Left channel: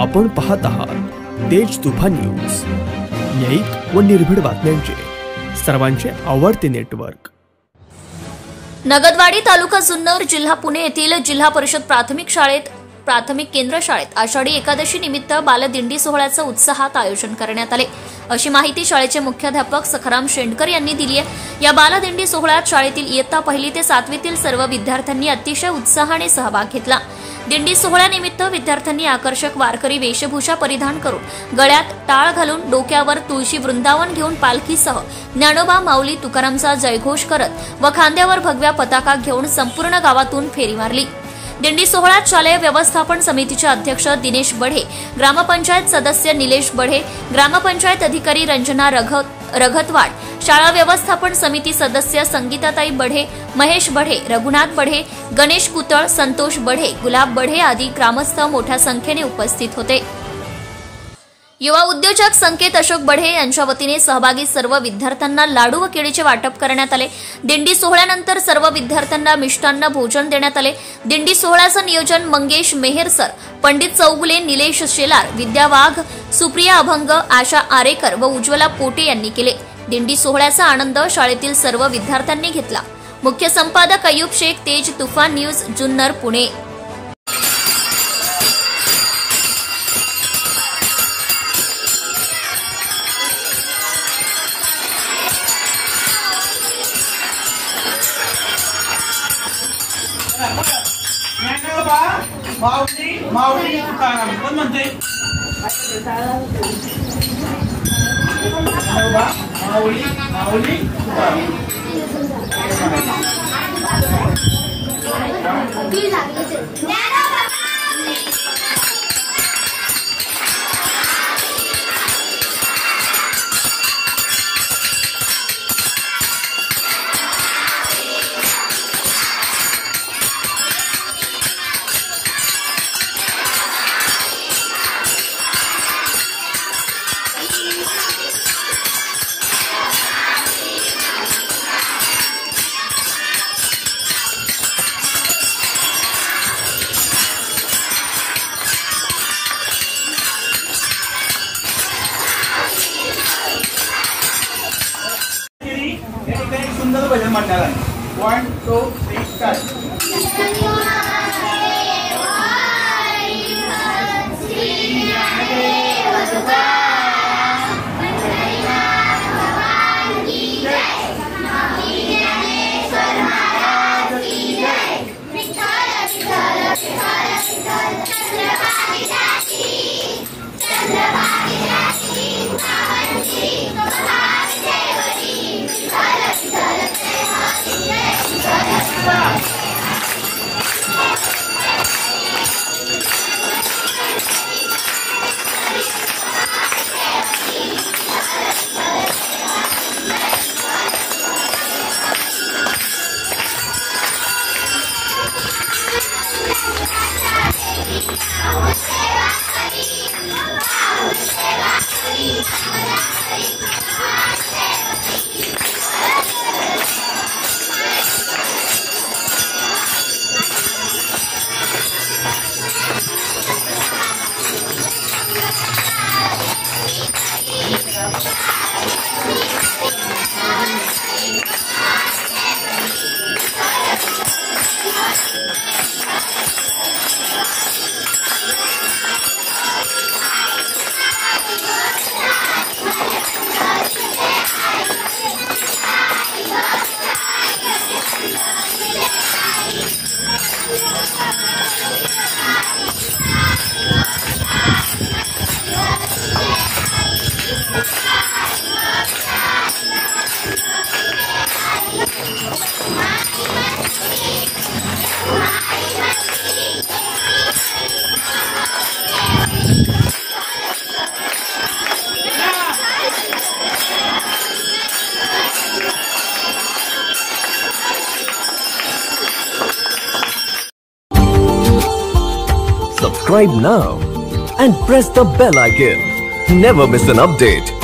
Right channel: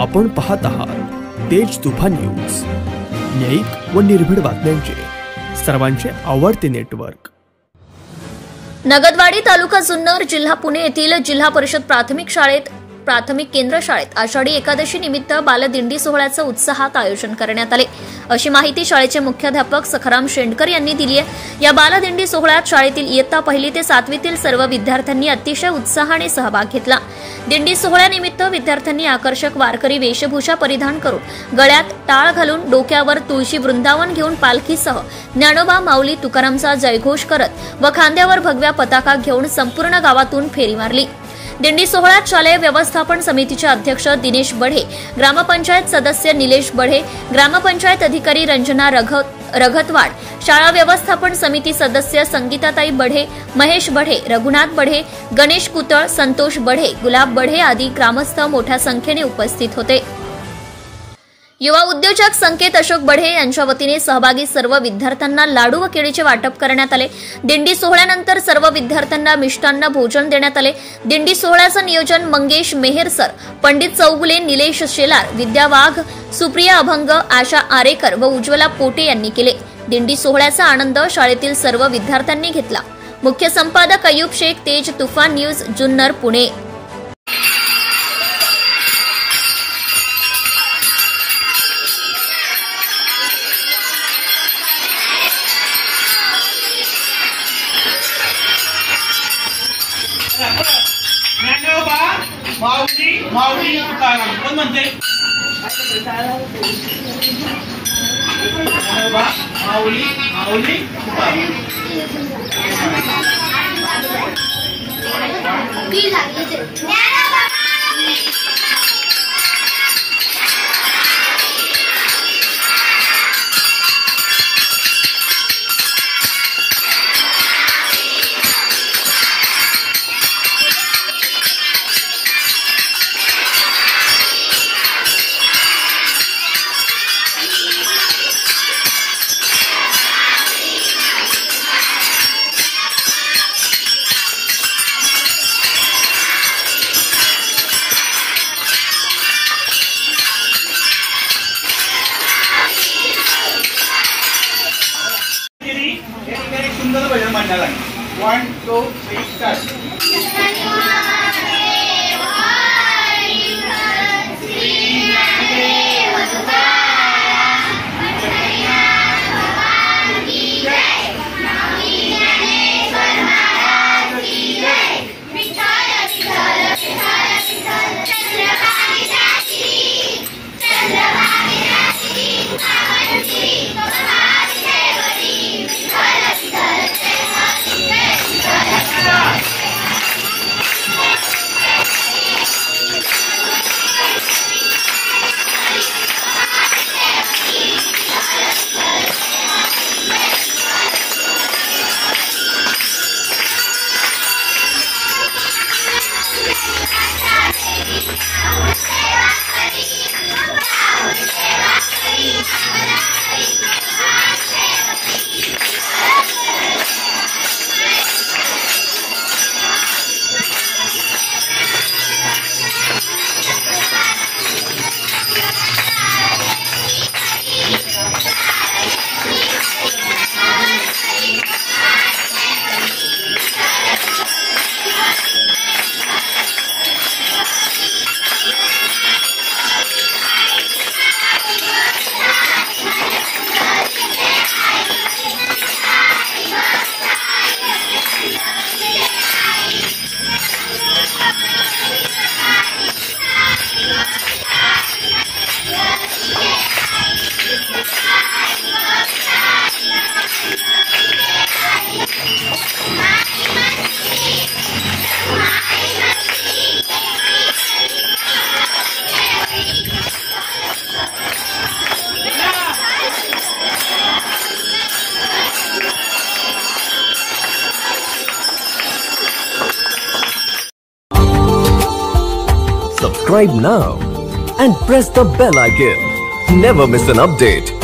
आपण पाहत आहात तेज तुफान न्यूज, न्यायिक व निर्भीड बातम्यांचे सर्वांचे आवडते नेटवर्क। नगदवाडी तालुका जुन्नर जिल्हा पुणे येथील जिल्हा परिषद प्राथमिक केंद्र शाळेत आषाढी एकादशी निमित्त बालदिंडी सोहळ्याचं उत्साहात आयोजन करण्यात आले, अशी माहिती शाळेचे मुख्याध्यापक सखाराम शेंडकर यांनी दिली आहे। या बालदिंडी सोहळ्यात शाळेतील इयत्ता 1ली ते 7वीतील सर्व विद्यार्थ्यांनी अतिशय उत्साहाने सहभाग घेतला। दिंडी सोहळ्यानिमित्त विद्यार्थ्यांनी आकर्षक वारकरी वेशभूषा परिधान करून गळ्यात टाळ घालून डोक्यावर तुळशी वृंदावन घेऊन पालखीसह ज्ञानोबा माऊली तुकारामचा जयघोष करत व खांद्यावर भगव्या पताका घेऊन संपूर्ण गावातून फेरी मारली। दिंडी सोहळ्यात शालेय व्यवस्थापन समितीचे अध्यक्ष दिनेश बढे, ग्रामपंचायत सदस्य निलेश बढे, ग्रामपंचायत अधिकारी रंजना रघतवाड, शाळा व्यवस्थापन समिती सदस्य संगीताताई बढे, महेश बढे, रघुनाथ बढे, गणेश कुतळ, संतोष बढे, गुलाब बढे आदी ग्रामस्थ मोठ्या संख्येने उपस्थित होते। युवा उद्योजक संकेत अशोक बढे यांच्या वतीने सहभागी सर्व विद्यार्थ्यांना लाडू व केळीचे वाटप करण्यात आले। दिंडी सोहळ्यानंतर सर्व विद्यार्थ्यांना मिष्टान्न भोजन देण्यात आले। दिंडी सोहळ्याचं नियोजन मंगेश मेहरसर, पंडित चौगुले, निलेश शेलार, विद्या वाघ, सुप्रिया अभंग, आशा आरेकर व उज्ज्वला पोटे यांनी केले। दिंडी सोहळ्याचा आनंद शाळेतील सर्व विद्यार्थ्यांनी घेतला। मुख्य संपादक अयूब शेख, तेज तुफान न्यूज, जुन्नर, पुणे। ज्ञानोबा माऊली तुकाराम कोण म्हणते? ज्ञानोबा माऊली तुकाराम। एक सुंदर भजन म्हणणार आहे। 1 2 3 start. Subscribe now and press the bell icon. Never miss an update.